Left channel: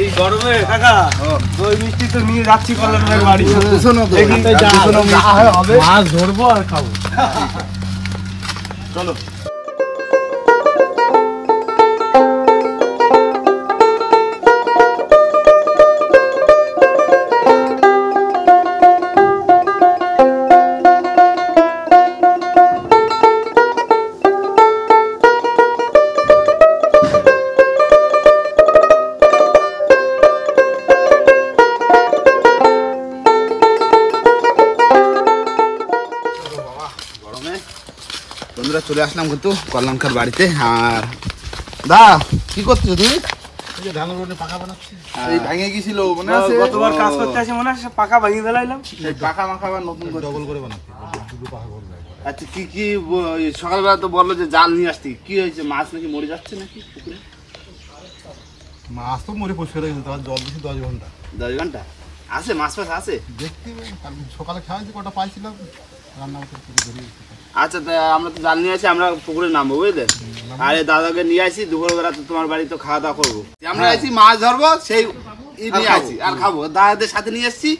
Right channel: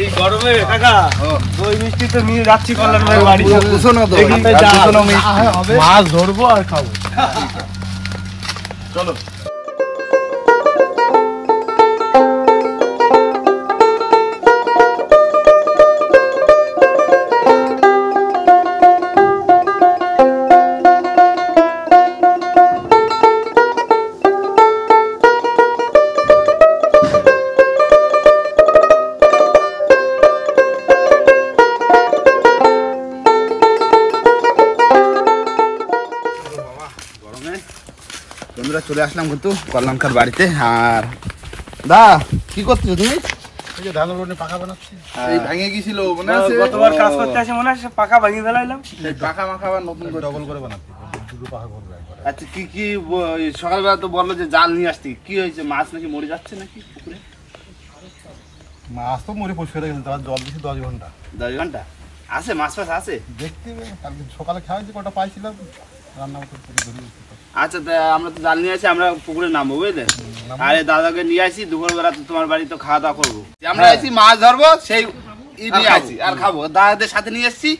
এই গরমে কাকা দই মিষ্টি তো নিয়ে যাচ্ছি কল্যাণ ভাইয়ের বাড়ি। মাছ ধরবো আর খাবো। চলো। বন্ধুরা চলে আসলাম কিন্তু কল্যাণকার বাড়িতে। আর দা কি করছো তুমি? ধানের রোডে পাকা বানাচ্ছি। এই ভেঙে গিয়েছিল মনে আছে? গতবার কাজ করতে আসে মনে আছে, পাকা ভেঙে ফেলাইলাম। পাকা মাখা আবার নতুন করে ডবল করে বানাচ্ছি, দুটো পাকা করে। আচ্ছা কি কি সকালবেলা তো বললো যে জাল নিয়ে আসতি, কি হয়েছে? মাছ নাকি মরে যাচ্ছে নাকি পুকুরে? মাছ তো মরে পরিষ্কার হয়ে গেছে, তার জল দিয়েছি 10 ঘন্টা। 10 ঘন্টা আছে? মাছ ফাছ আছে দেখতে? সকালে খাওয়াইছি, কটা পাইছিলাম রান্না করে ধরে। আচ্ছা আমরা তো জাল নিয়ে আসি, আমরা পুকুরে নামবো বুঝলে। আরে দাদাকে নিয়ে আসি, দুপুরবেলা তো তোমার বাড়ি তো খাওয়া দাওয়া করবো। আমরা আসি মাছ ধরবো, সেই নিয়ে আসি আর খাবো। দাদাদের সাথে নিয়ে এসছি।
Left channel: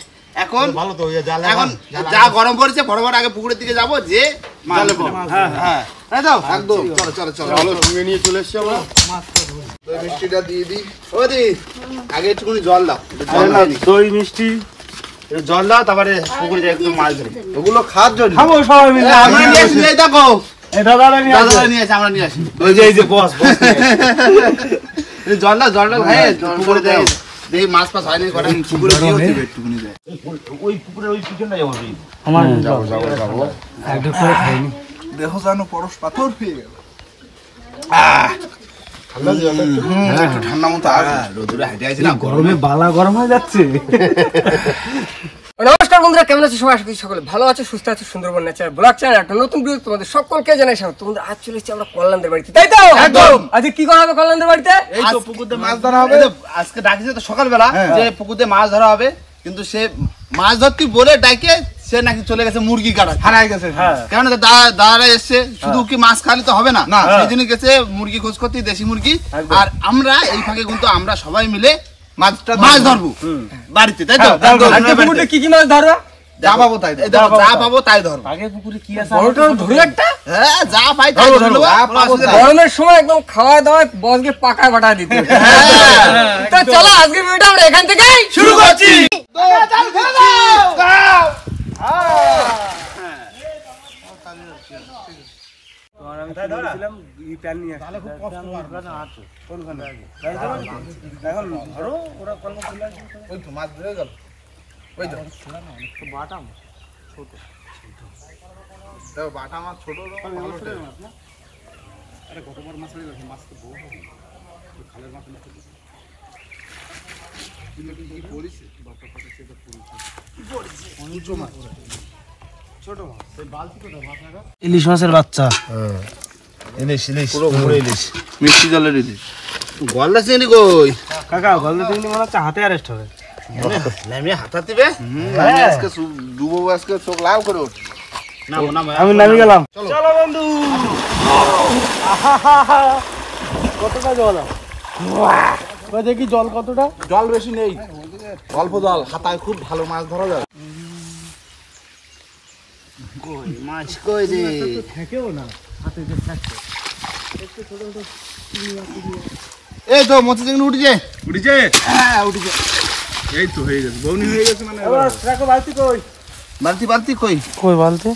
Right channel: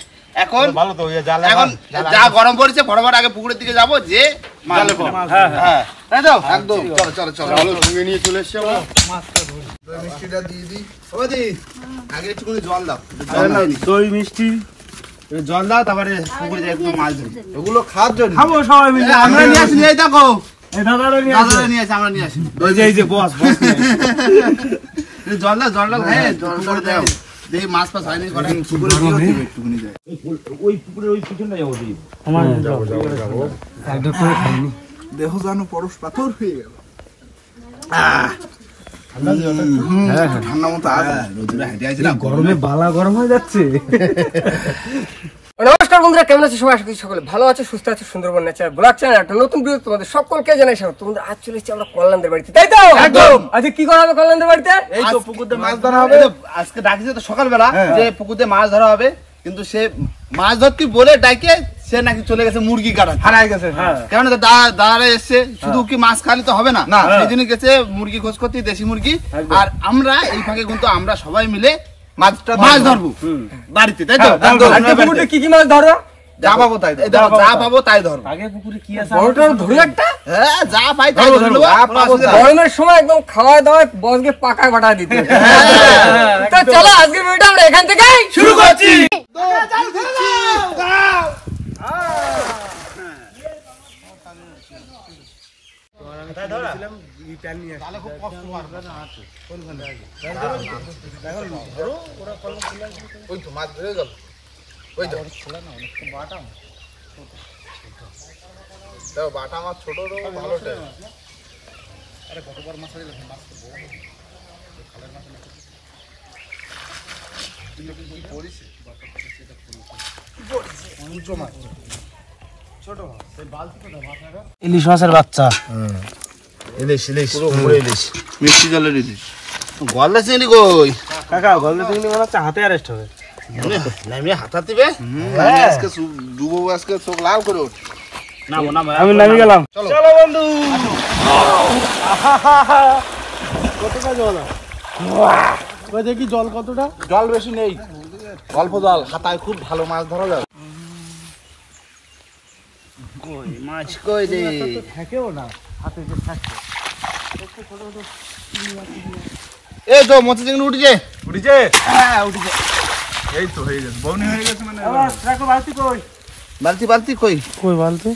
এখন এখন যা গরম পড়েছে ফটাফট আগে পুকুরের দিকে যাবো, যে একদম চলো চলো চলো সঙ্গে নিয়ে চলে এসছি। আমরা মাছটা ধরি, দই মিষ্টিটা দিয়ে দিই। ওদি আগে একটুখানি জল দাও, দই মিষ্টি জল দাও, তারপরে পুকুরে যাই একটু মাছ ধরি। ওগুলো খাওয়ার জন্য খাবো সবাই মিলে। আমরা নিয়ে আসি, এই দেখো দাদারা নিয়ে আসি, আমরা নিয়ে আসি। ওই যে এই যে বস জল দাও, জল দাও, হ্যাঁ পুকুরে যাই দেখি মাছ ফাছ হয়নি। পুকুরে একটুখানি যায়, ওই পুকুরে ওই পিছনটা যাবো। দেখো জানো পরশ পাথর হয়ে গেল। ঠান্ডা মতো রোদুরে হাঁটে আইছি না, গরমে বালা গরম হয়ে যাচ্ছে। নমস্কার বন্ধুরা, কেমন আছে সবাই? আশা করি সকলে ভালো আছে, সুস্থ আছে। সুন্দরবন ন্যাচারাল ব্লগ চ্যানেল একটা নতুন ভিডিও তোমাদের সকলকে জানাই স্বাগত। বন্ধুরা আজ চলে এসেছি আমরা কল্যাণদের বাড়িতে, তাই তো? একদম। আজকে কি করা হবে কল্যাণদের বাড়িতে? এই তো পুকুরে মাছ ধরা হবে। আজকে ডাকিছে তো সকালবেলা যে পুকুরে মাছ ধরা হবে, কিন্তু সে মাছ ধরতে বলে ডাকে সে নাকি চলে গেছে মুরগি কাটা, হারাই গেছে। কেন দাদারা এসছে, শুধু কি মাছ খালি তো হবে না, সেই জন্য গেছে মুরগি খোঁজ করতে, দেশি মুরগি। আর আমরা এই ফাঁকে কিন্তু আমরা সবাই মিলে মাছ ধরবো বাড়িতে, তাই তো? পুকুরে কি কি মাছ ধরো? যা পাবো তাই ধরবো। আগে পুকুরে কি আছে ধরুন একটা, হ্যাঁ যা পাই তাই ধরবো। গরমের সময় একদম খাওয়া দাওয়ায় বসকে পাকায় বাটা দিতে। তো চলো আজকে ভিডিওটা আমরা এখান থেকেই শুরু করছি। বাটা মাছ ছোট ভালো। আরে কতবার মাছ দিলাম, মাছ তো বড় হবে, খালের মাছ নিতে ইলিশ মাছের বাচ্চা। ইলিশ পুরো ইলিশ, মিষ্টি জলের ইলিশ। গলদা চিংড়ি কই কাকা? গলদা চিংড়ি মনে হচ্ছে হাতে অ্যারেস্ট হবে। হাতাতে দিবে আজকে ডুবো, আজকে চোখ লাল করে উঠ। আমি নামি গেলাম। চলো বন্ধু। কতটা জল? দেখি জল কতটা? জল বেশি নেই, অল্প জল। হাতায় খুব ভালো মাছ ধরা যাবে। কই মাছ কই রে? থাকেও না হাতে যে থাকে। এই তো মতি চিংড়ি উঠেছে। হ্যাঁ উঠেছে, এই তো হয়ে গেছে, বউনি হয়ে গেছে। মানে দেখো বালতি কই? বালতি কই? বালতি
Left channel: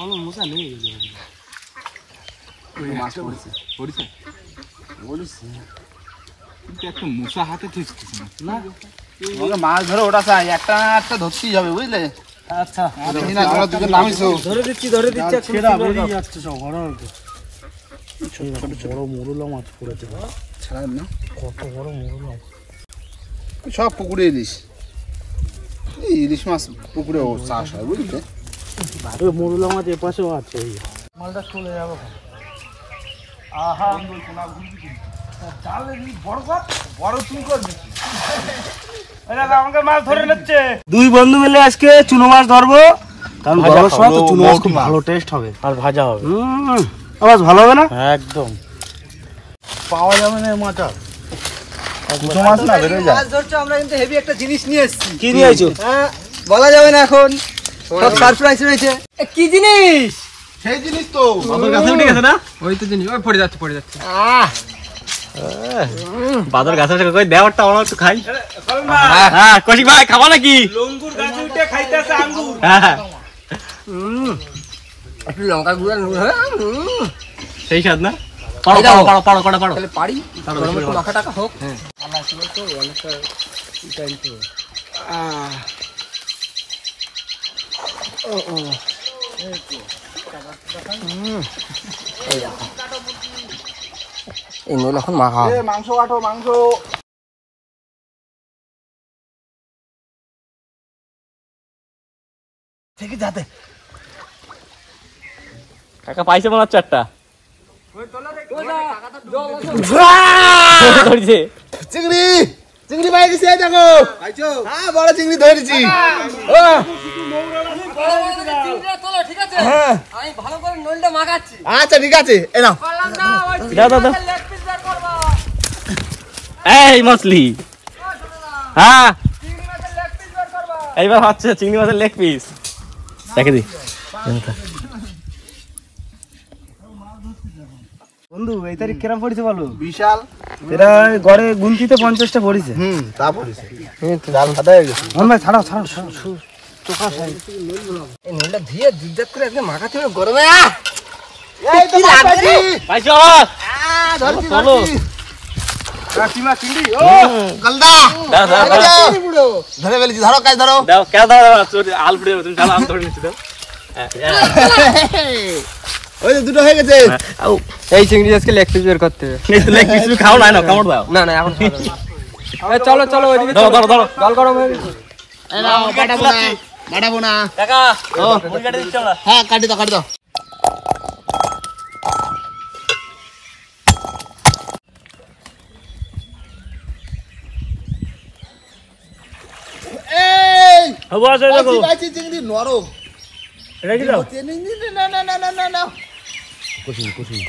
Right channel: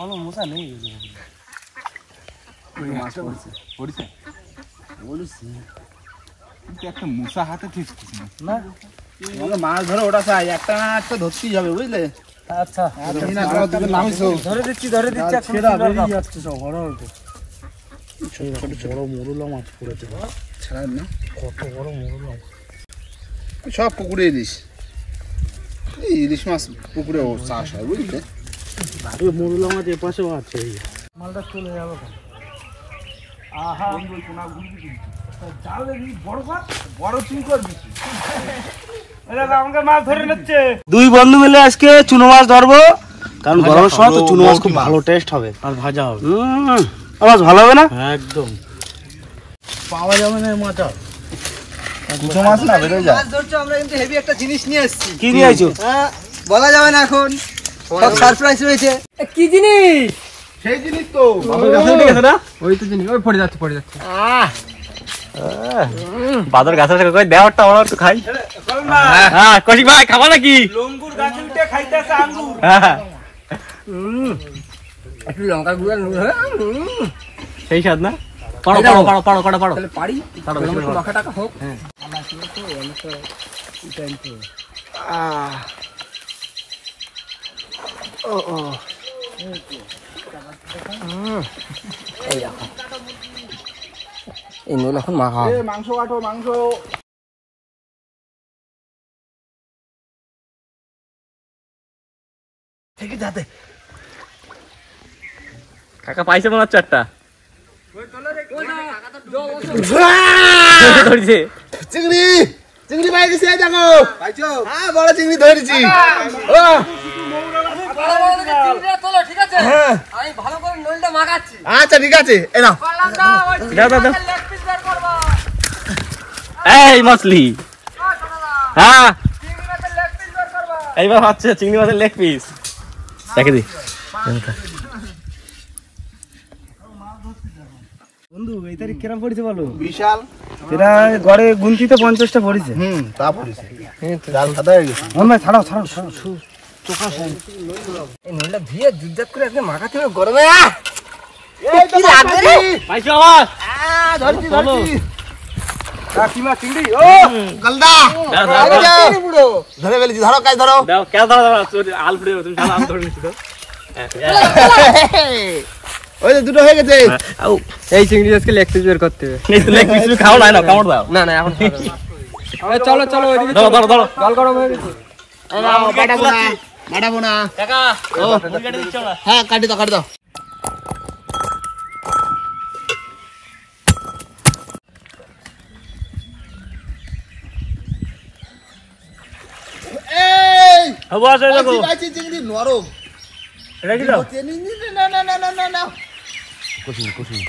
ভালো মশা নেই। কিন্তু একটা মশা হাতে ঠিকছে না। মাছ ধরে ওটা চাই, একটা ধরতেই হবে বুঝলে। আচ্ছা ধরে দিচ্ছি। ছেড়া বেরিয়ে যাচ্ছে সব। বড় মরুলা মাছ পড়েছে। ছাড়ার না, কত বড় মরুলা সব পুকুরে ইলিশ। এই ইলিশ মাছ পুকুরে চাষ হয় বুঝলে। মরুলা মাছ এপাশেও আছে। মালটা চলে যাবে। আহা দুই বন্ধু মিলে আজকে চুনো মাছ ধরবো, কারণ গরমের সময় তো চুনো মাছ খুব ভালো টেস্ট হবে আর ভাজা হবে। মাছ ভালো হবে না একদম, পাওয়া যাবে না মাছটা। দুটো মাছ না বেরোয় যায়। আমরা কিন্তু হেভি একটা জিনিস নিয়ে এসেছি। কি নিয়ে এসেছো? বলা যাবে না এখন, সব সারপ্রাইজ রয়েছে। কি জিনিস? সেই জিনিস তো বাবার কাছে উঠে গেছে না? ওই তো জিনিস, ওই পড়ে যাচ্ছে। বাদর গাছ থেকে কই দেওয়ারটা ওরা তো খাই। হ্যাঁ কৌশিক ভাই খাবা নাকি? লঙ্গুর গাছে উঠে খাইতেছে আঙ্গুর। হ্যাঁ একটু লঙ্কা গুঁড়া সেই স্বাদ না? পাড়ো পাড়ো পাড়ো পাড়ো পাড়ো পাড়ো তাহলে পারি লঙ্কা টাকা হোক। হ্যাঁ এই নইল এখন মাখা মাংস কাটো, মাংস থেকে যাতে কাকা পাইছে মনে হচ্ছে একটা চিংড়ি, চিংড়ি পাই গেছে দেখো। পাইছো? হ্যাঁ বড় চিংড়ি ধরেছি। ও আমি ভালো করে নইলটা মাখাচ্ছি। আচ্ছা ঠিক আছে, এ নাও। দাও দাও দাও। এই মাছলি, হ্যাঁ এইবার হচ্ছে চিংড়ি মাছের লেগ পিস। দেখে দি বন্ধু, এই তারিখ কিরম পড়েছে বলো? বিশাল। এরা গড়ে গুনতিতে 50টা পড়েছে। তা পড়েছে। জাল সাদা হয়ে গেছে। ভাই ছাড়াও ছাড়াও ছাড়াও, চোখা সাই। এই নইলটা ধুয়ে দুধ করে একদম মাখাতে হবে গরমে। কি লাগবে? পাইছো বাবা? ধরছি ধরছি। কাকিমা চিংড়ি, ও গলদা। দাও দাও এই যে, ধরে ফেলেছি, ধরো কাজ ধরো। দাও কে দাও আল ফুটে তুমি খালা আল ধরে নিচ্ছি তো। ওই যে দুটো হয়ে গেছে। এই চিংড়ি আজকে লেগ পিস বের করতে হবে। এই তো লেগ পিস খাও না, কামড় দাও। না না এখন চলো চলো ওইদিকে ধরো ধরো ধরো। জল গরম হয়ে গেছে। বাড়াবো না। কাকা ও মুড়ি কাটে দিচ্ছ না? হ্যাঁ কাটি দাও, কাটি দাও। এই হবো আছে দেখো। পাইছি পাইছি চিংড়ি নরম। এটা কি দাও? না না না না না না। কুসুম কুসুম।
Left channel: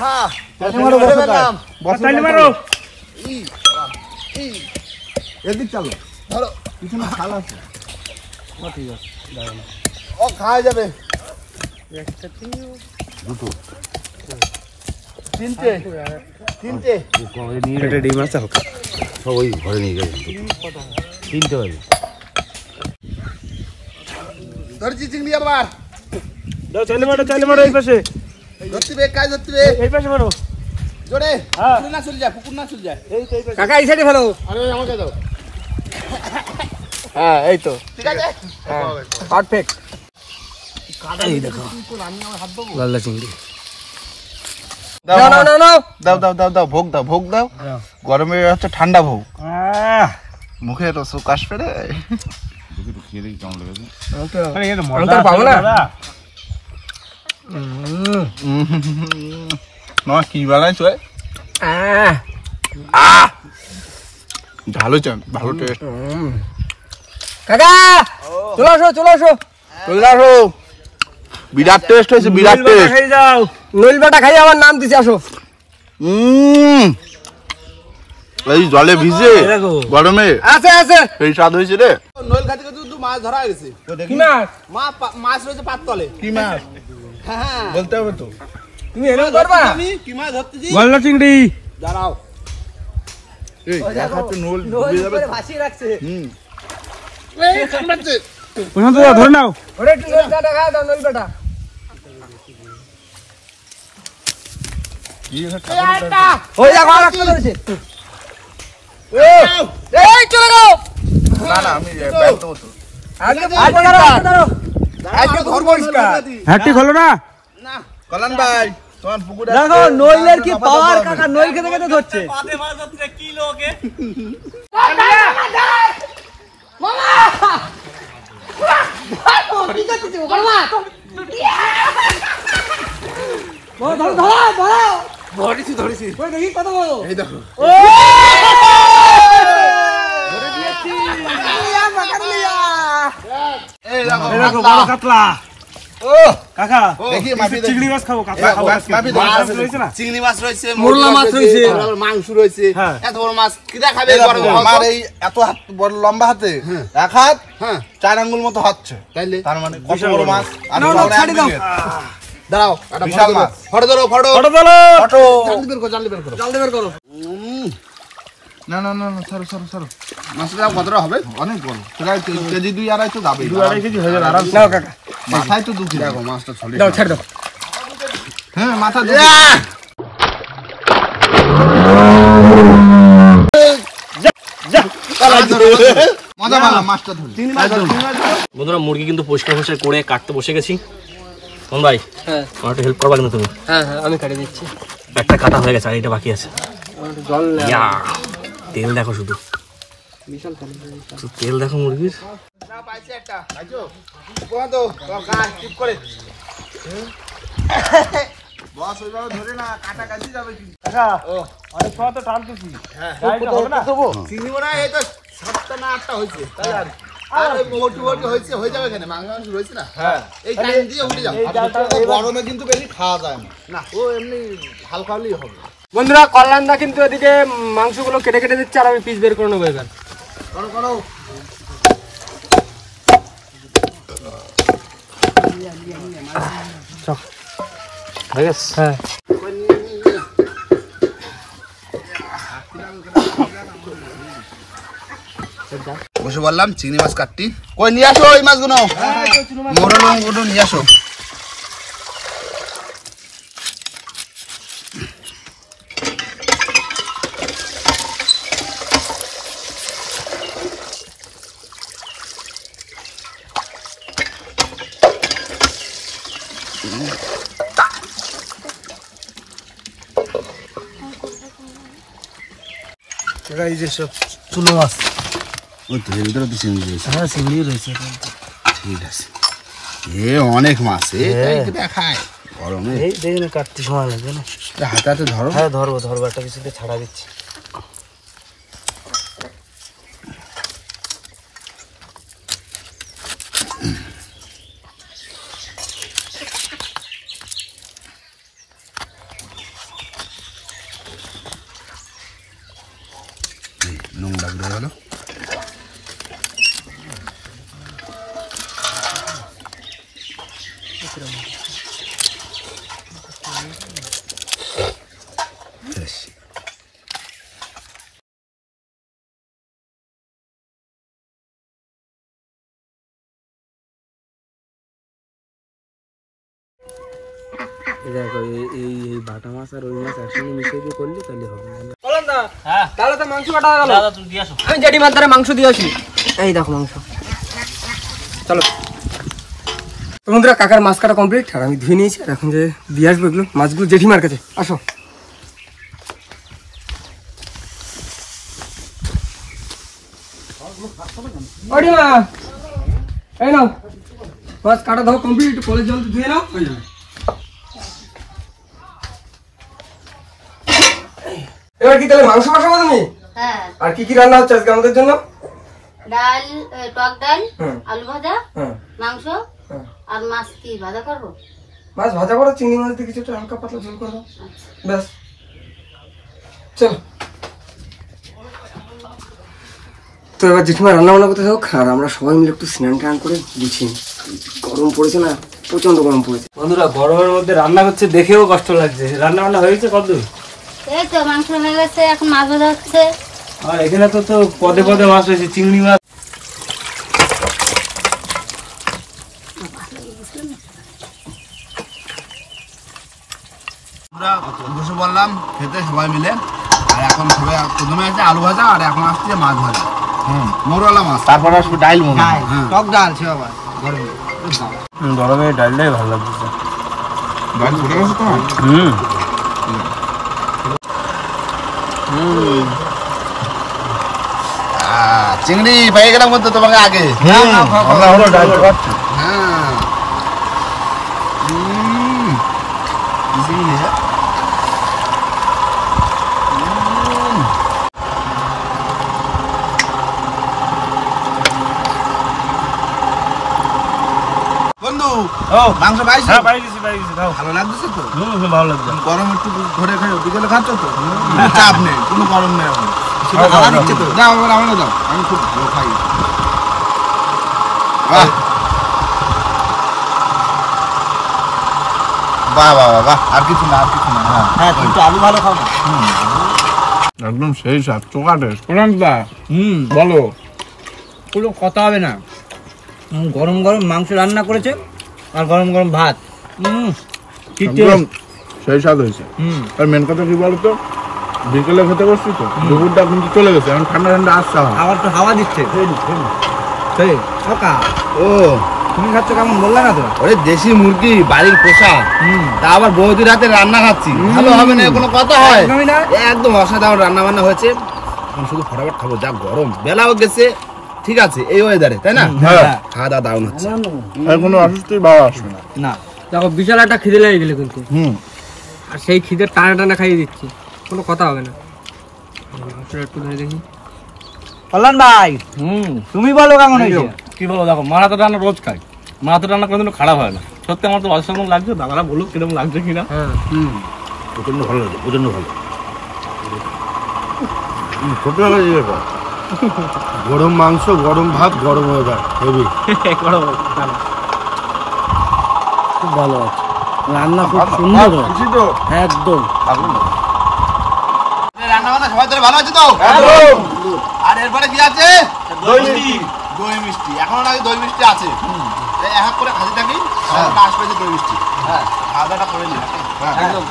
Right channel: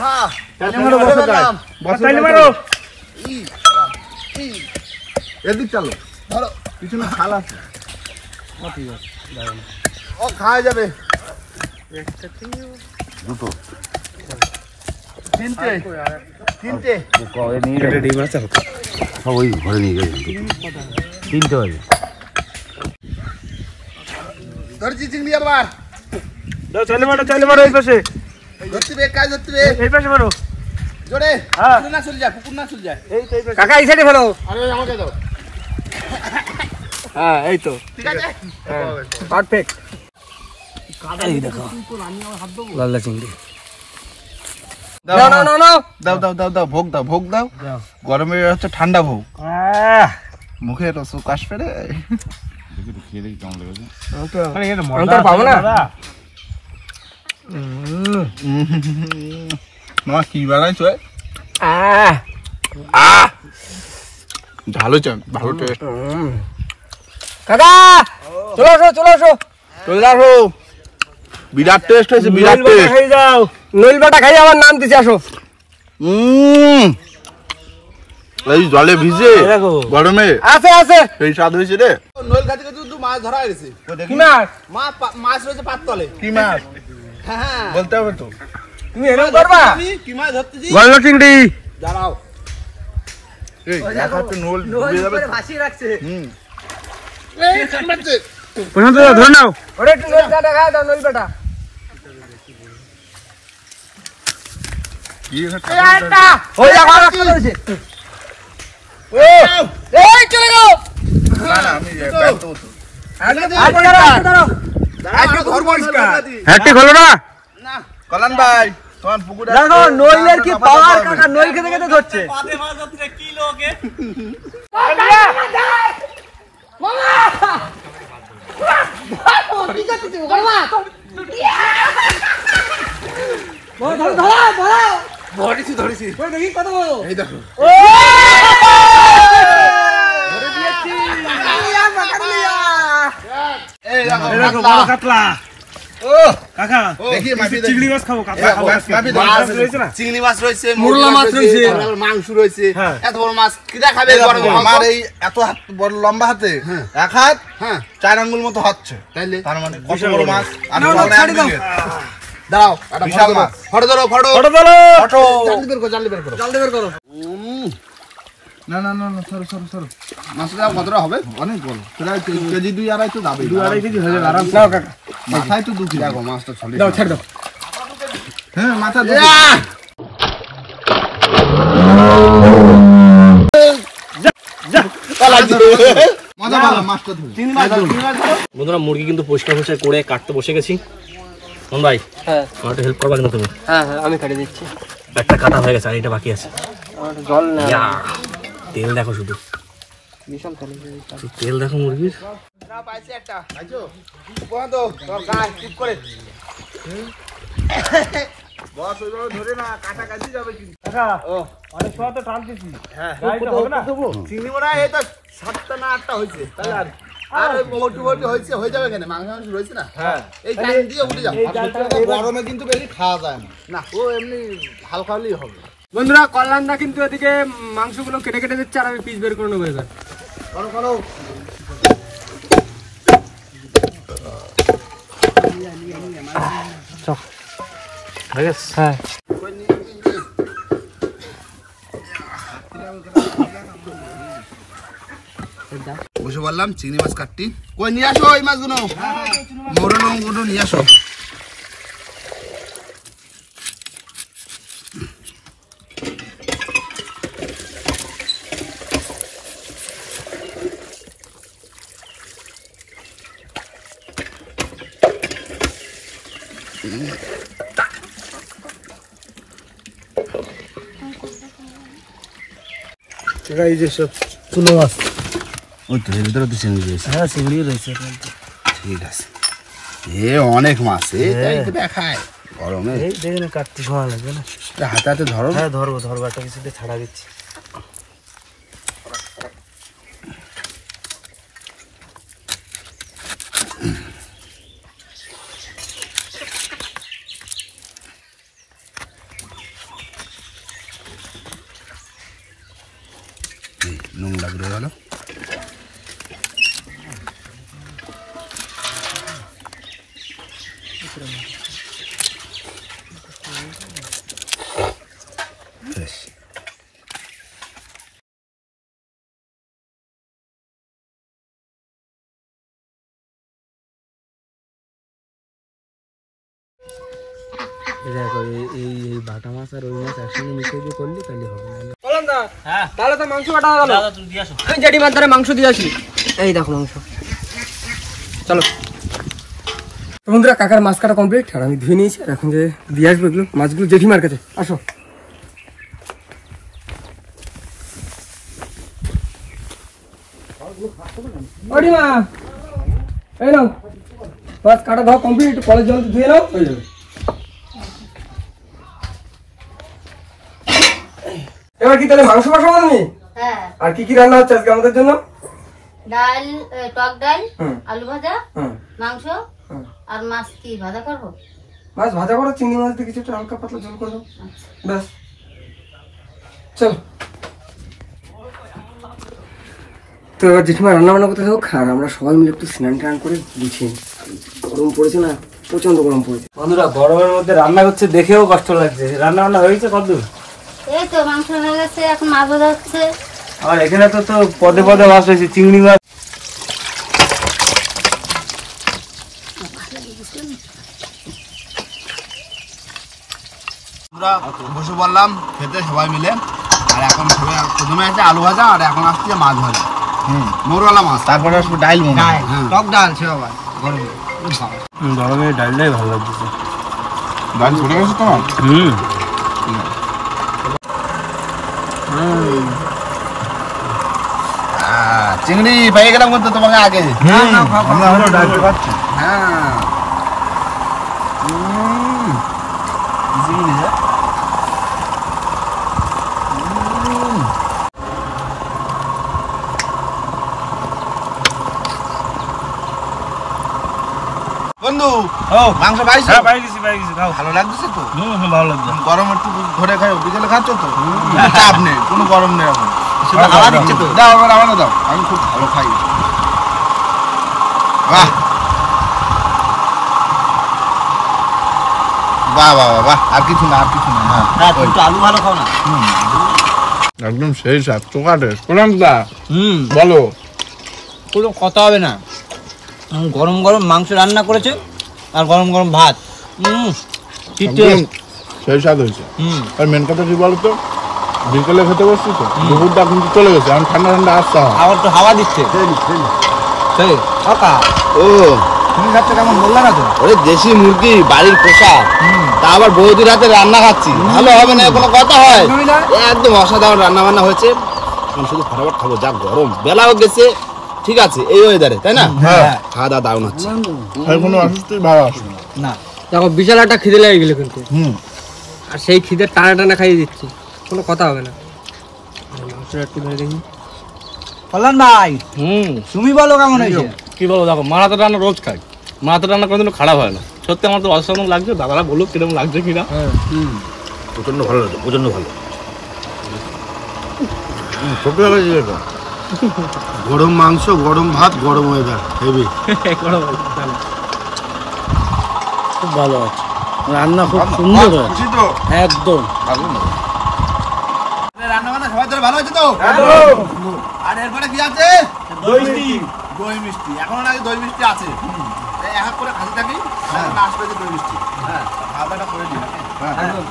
হ্যাঁ তালি মারো বসো কাজ। তালি মারো। এদিক চলো, ধরো পিছনে খাল আছে। ও ঠিক আছে, যাবে না, ও খাওয়া যাবে। দুটো তিনটে তিনটে এটা ডিম আছে হোক। ওই ঘরে নিয়ে গেছে তিনটে হয়ে ধরছি চিংড়ি আবার। দাও চলে মারো এই পাশে। ধরতে বে, কাজ ধরতে বে, এই পাশে মারো। জোরে। হ্যাঁ। পুকুর না চলে যায়, পুকুর না চলে যায়। এই তো এই পাশে। কাকা এই সাইডে ফেলো। আরে আমাকে দাও। হ্যাঁ এই তো ঠিক আছে, পারফেক্ট। এই দেখো গলদা চিংড়ি। দাও না না না দাও দাও দাও দাও, ভোগ দাও, ভোগ দাও। গরমে হচ্ছে ঠান্ডা ভোগ। মুখে রস কাশ ফেরে। খেয়ে দেখি কেমন লেগেছে। অন্তর পাবো না। মা কি বানাইছো? ভালো চান, ভালো টেস্ট। কাকা চলে আসো চলে আসো। চলে আসো, বিরাট টেস্ট হয়েছে, বিরাট টেস্ট। খাই যাও। নইল বাটা খাই আমার নাম দিছি, আসো। এই জলে ভিজে দেখো গরমে আছে আছে। এই স্বাদ হয়েছে রে। নইল খাতে কিন্তু মাছ ধরা গেছে। কি মাছ? মাছ রয়েছে পাততলে। কি মাছ? হ্যাঁ বলতে হবে তো। তুমি এনে করবা? আমি কি মাছ ধরতেছি? গলদা চিংড়ি। দাঁড়াও, এই এক হাতে নইল ডুবে যাবে। ভাসিয়ে রাখছে। এই কামড়াচ্ছে। প্রশান্ত দা ধরে নাও। ওরে একটু নইল বাটা খাই দাও, নইল বাটা। কি হচ্ছে? ওই দেখো আর একটা ধরেছে। ও এই চলে গো। না না, আমি ব্যাগ দেবো তো। আজকে পুকুর পরিষ্কার। হ্যাটটি খোলো না। না কল্যাণ ভাই, তোমার পুকুরে দেখো নইলের কি পাওয়ার, কাকা নইল খেতে খেতে ধরছে। পাতে মাছ ধরতে কি লোকে। কি করতেছিস? মামা ধরো ধরো ধরো। ধরেছি ধরেছি ওই দেখি কত বড় এই দেখো ধরে দিয়েছি এই দেখো এই দেখো বড় কাতলা ও কাকা দেখি মাপি দেখি। চিংড়ি মাছ খাবো কাতলা খাবো মাপি মাছ দেখি। রয়েছে না চিংড়ি মাছ রয়েছে মোরলা মাছ রয়েছে। মাংস রয়েছে হ্যাঁ। এত বড় মাছ কিরা খাবে এই দেখো, গরম আমার এই এত হাত বড় লম্বা হাতে এক হাত হ্যাঁ 4 আঙ্গুল মতো হচ্ছে তাইলে তার মানে কত বিশাল বড় বড়। মাছ আর না, না, বড় ছাড়ি দাও। দাঁড়াও একটা বিশাল মাছ। ফটো ধরো ফটো ফটো তোলো ফটো জানলি বের করো জানলি বের করো জল দেবের করো না না না না সরো সরো সরো মাছটা কতটা হবে অনেক বড় প্রায় কেজি 2-2.5 তো যাবে 2-2.5 কেজি হয়ে যাবে আরাম নাও কাকা মাথায় তো 2 কেজি দেখো মাছটা ছড়িয়ে দাও ছেড়ে দাও হ্যাঁ মাথা মজা ভালো মাছটা ধরে বন্ধুরা মুরগি কিন্তু পরিষ্কার করে কাটতে বসে গেছি কোন ভাই হ্যাঁ আমার একটু হেল্প করবা কিন্তু তুমি হ্যাঁ হ্যাঁ আমি কেটে দিচ্ছি একটা কাটা হয়ে গেছে আর এটা বাকি আছে আমার জল না ইয়া তেল দেখো শুধু বিশাল খালি তেল দেখো মুরগির না পাইছি একটা পাইছো কোন তো তোর গাছ টিপ করে বস ওইভাবে ধরে না কাটা কাটি যাবে কিন্তু কাকা অনেক সময় তো টানতেছি হ্যাঁ গাড়িটা হবে না চিংড়ি মোড়া এই তো 7টা না 8টা হয়েছে তাহলে আর ওই মোটি মোটি হয়েছে হয়ে যাবে এখানে মাংস মাংস রয়েছে না হ্যাঁ এই টাইম দিয়ে উঠে যাও এই জালটা গরমে কিন্তু বেশি খাওয়া যায় না না ও এমনি হালকা হলেই হবে বন্ধুরা কল্যাণদা কিন্তু এদিকে মাংসগুলো কেটে কেটে দিচ্ছে আর আমি পিস বের করে নেবো এবার করো করো হয়ে গেছে হ্যাঁ বসে বললাম চিংড়ি মাছ কাটটি কই নিয়ে আসো এই মাছগুলো মোরল গুলো নিয়ে আসো এই যে সব চুনো মাছ ওই তো এর ভিতরে তো চিংড়ি রয়েছে হ্যাঁ চিংড়ি রয়েছে ঠিক আছে এ অনেক মাছ এই দেখায় গরমে এই দেখি না কাটতে সময় লাগবে না হাতে হাতে ধরো হ্যাঁ ধরবো ধরবো একটা কিছু দিয়ে ছাড়া দিচ্ছি নোংরা বেরো গেল দেখো এই ভাটা মাছ আর ওই মাছ একসঙ্গে মিশিয়ে দিয়ে করলে তাহলে হবে কল্যাণদা হ্যাঁ তাহলে তো মাংস কাটা হয়ে গেল দাদা তুমি দিয়ে আসো আমি জেঠিমার দ্বারা মাংস দিয়ে আসি এই দেখো মাংস চলো তো বন্ধুরা কাকার মাছ কাটা কমপ্লিট আর আমি ধুয়ে নিয়েছি আর এখন যে দিয়ে আসবো এগুলো মাছগুলো জেঠিমার কাছে আসো জেঠিমা এই নাও মাছ কাটা দাও কমপ্লিট কলের জল ধুয়ে নাও হয়ে যাবে এবার কি তাহলে মাংস বসাবো তুমি হ্যাঁ আর কি কি রান্না হচ্ছে আজকে আমাদের জন্য ডাল টক ডাল হুম। আলু ভাজা হ্যাঁ মাংস হ্যাঁ আর মাছ কি ভাজা করবো মাছ ভাজা করো চিংড়ি মাছ দিয়ে কিছুটা হালকা পাতলা ঝোল করো ব্যাস চলো তো এবার জেঠিমা রান্না বান্না করতে হোক আর আমরা সবাই মিলে একটু স্নান টান করে গুছিয়ে নিই। গরম পড়েছে না প্রচন্ড গরম পড়েছে বন্ধুরা গরমের মধ্যে রান্না করছে দেখেও কষ্ট লাগছে রান্না বান্না হয়েছে কতদূর এই তো মাংস হয়ে গেছে এখন মাছ ভাজা হচ্ছে আর এখানে তো তো পদে পদে মাছ রয়েছে চিংড়ি মাছ আমরা বসে বললাম খেতে সবাই মিলে আর এখন সবাই প্রথমে আছে আলু ভাজা আর এখন আসছে মাছ ভাজা মোরলা মাছ তারপর আসবে ডাইল মনে হয় টক ডাল সে আবার গরমে গরমে ডালটাই ভালো লাগছে ডাইল পড়ে গেছে তোমার চিংড়ি পেয়ে গেলাম কিন্তু তোমাকে আগে আমরা হলো ডাইল খাচ্ছি হ্যাঁ চিংড়ি বন্ধু ও মাংস পাইছো? হ্যাঁ পাইছি খাও। ভালো লাগছে তো? ভালো লাগছে। গরম একটু ধরে খাই, বিকেলে খাচ্ছ তো? চাপ নেই, কোনো গরম নেই এখন। খাও, হাওয়া খাও, দিচ্ছে তো। দাও আবার আমাকে দাও, আমি খুব ভালো খাই। বাহ বাহ বাহ বাহ বাহ, আর কিছু না, আর কিছু না। হ্যাঁ তুমি তো আলু ভালো খাও না। একদম সেই স্বাদ, চোখা টেস্ট। প্রণামদা বলো। কোনো কথা হবে না। গরম গরম মাংস রান্না করেছে আর গরম গরম ভাত। ঠিক একদম সেই স্বাদ হয়েছে। আর মেন কথা কি বলতো, বিকেলে খেতে বসছি তো, দুপুরটা কিন্তু চলে গেছে, এখন ঠান্ডা ঠান্ডা আসতে হয়। আবার তো হাওয়া দিচ্ছে। সেই কাকা, ও তুমি খাচ্ছ কেমন বললে না তো? ওরে দেশি মুরগি বাড়ির পোষা, তা আবার বৌদির হাতে রান্না খাচ্ছি, ভালো হবে না কোনো কথা হয়? একদমই না। একদম অসাধারণ রান্না বান্না হয়েছে। এখন শুধু ফটাফট খাবো, যা গরম, বেলাও গেছে, ঠিক আছে এই ওয়েদারে, তাই না? হ্যাঁ। খাওয়া দাওয়া দারুণ হচ্ছে। এখনো অসুস্থই ভালো আসবে না। না, দেখো বিশাল একটা খিদে লেগে গেলে কিন্তু, আর সেই খিদে টানা টানা খাইয়ে দিচ্ছি, কোনো কথা হবে না। মাংসটা একটু ধরে দেখি। কল্যাণ ভাই তুমি বলো কেমন হয়েছে? কি বলবো, দেখো মারাতে রান্না রোজ খাই, মারাতে রান্না কোনোদিনও খারাপ হয় না। সত্যি আমার তো অসাধারণ লাগছে, দাদারা বলুক কিরকম লাগছে কিনা। প্রচন্ড ভালো লাগে, প্রচন্ড ভালো। ছোট হয়ে যাবে। গরম মাংস, গরম ভাত, গরম ওয়েদার, হেভি। খুব ভালো আছে, রান্না খুব সুন্দর হয়েছে খুশি তো? একদম। রান্না বান্না সবাই ধরে ভালো আছে তো? আর এরপরে কি আছে? দই মিষ্টি। এখন আগে দই মিষ্টি আছে, এক এক করে খাতে থাকি, পাঁচ কেজি দই মিষ্টি। হ্যাঁ, খাওয়া দাওয়াটা করে নিই। একদম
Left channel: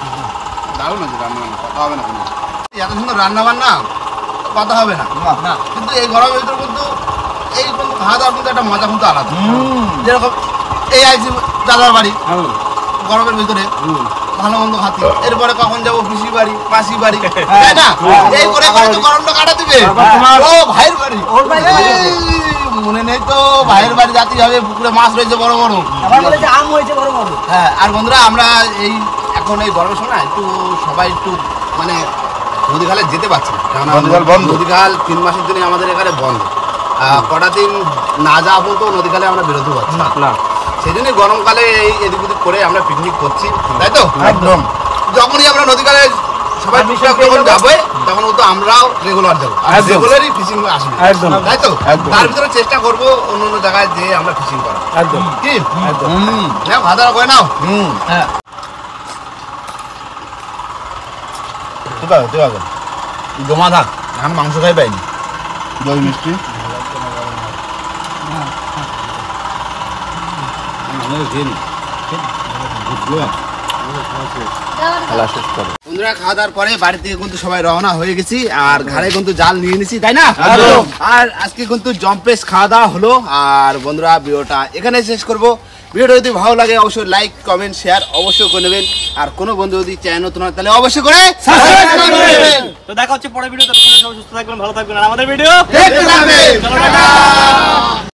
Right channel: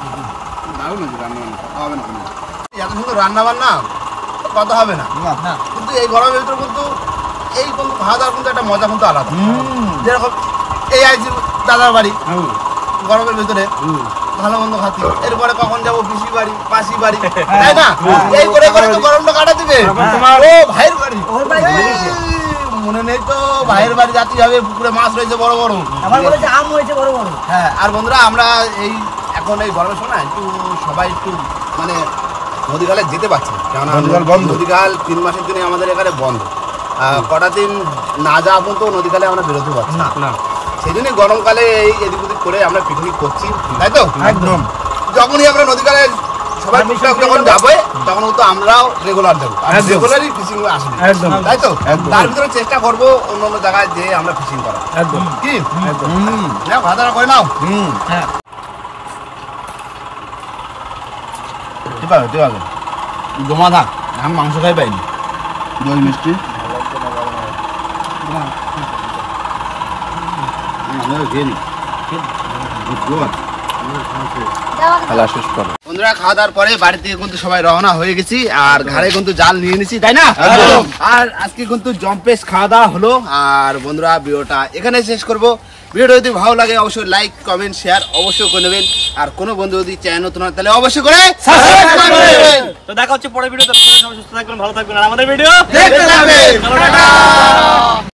দারুণ হয়েছে রান্না বান্না, কথা হবে না কোনো। এত সুন্দর রান্না বান্না, কথা হবে না। কিন্তু এই গরমের ভিতরে কিন্তু এই কিন্তু খাওয়া দাওয়ার কিন্তু একটা মজা কিন্তু আলাদা। যেরকম এই আইছি দাদার বাড়ি, গরমের ভিতরে ভালো মন্দ খাতি, এরপরে কখন যাবো পিসি বাড়ি, মাসি বাড়ি, তাই না? এই করে করে তো গরমটা কাটা দিবে। ও ভাইয়ের বাড়ি, এই, মনে নেই তো, ভাইয়ের বাড়ি যাতে হবে, পুকুরে মাছ রয়েছে বড় বড়, আম হয়েছে বড় বড়। হ্যাঁ। আর বন্ধুরা, আমরা এই এখন এই গরমের সময় একটু সবাই একটু মানে নদী খালে যেতে পারছি না, কেননা নদী খাল 3 মাসের জন্য আমাদের এখানে বন্ধ। কটা দিন না যাওয়া পর্যন্ত নদী খালে আমরা বেরোতে পারছি না। সেই জন্যই গরমকালে এই এদিক ওদিক করে আমরা পিকনিক করছি, তাই তো? একদম। যখনই আমরা নদী খালে সবাই টুকটাক যখন যাবে, তখন তো আমরাও রেগুলার যাবো, আর রেগুলারই ফিশিং আসবে, তাই তো? তার ভিতরে চেষ্টা করবো অন্য অন্য জায়গায় যে আমরা ফিশিং করা, কি নাও খাওয়া দাওয়া করে নাও। জমা থাক, এখন মাংস খাই পাইনি, দই মিষ্টি। বন্ধুরা, খাওয়া দাওয়ার পরে বাড়ি থেকে কিন্তু সবাই রওনা হয়ে গেছি, আর ঘাড়ে কিন্তু জাল নিয়ে নিছি, তাই না? আর আজকে কিন্তু জম্পেস খাওয়া দাওয়া হলো। আর বন্ধুরা, ভিডিওটা এখানে শেষ করবো। ভিডিওটা যদি ভালো লাগে অবশ্যই লাইক, কমেন্ট, শেয়ার অবশ্যই করে নেবেন। আর কোনো বন্ধু যদি চ্যানেল নতুন হয় তাহলে অবশ্যই করে সাবস্ক্রাইব করবেন। তো দেখা হচ্ছে পরের ভিডিওতে, সবাই সুস্থ থাকবেন, ভালো থাকবেন, আর আমাদের ভিডিও দেখতে থাকবেন।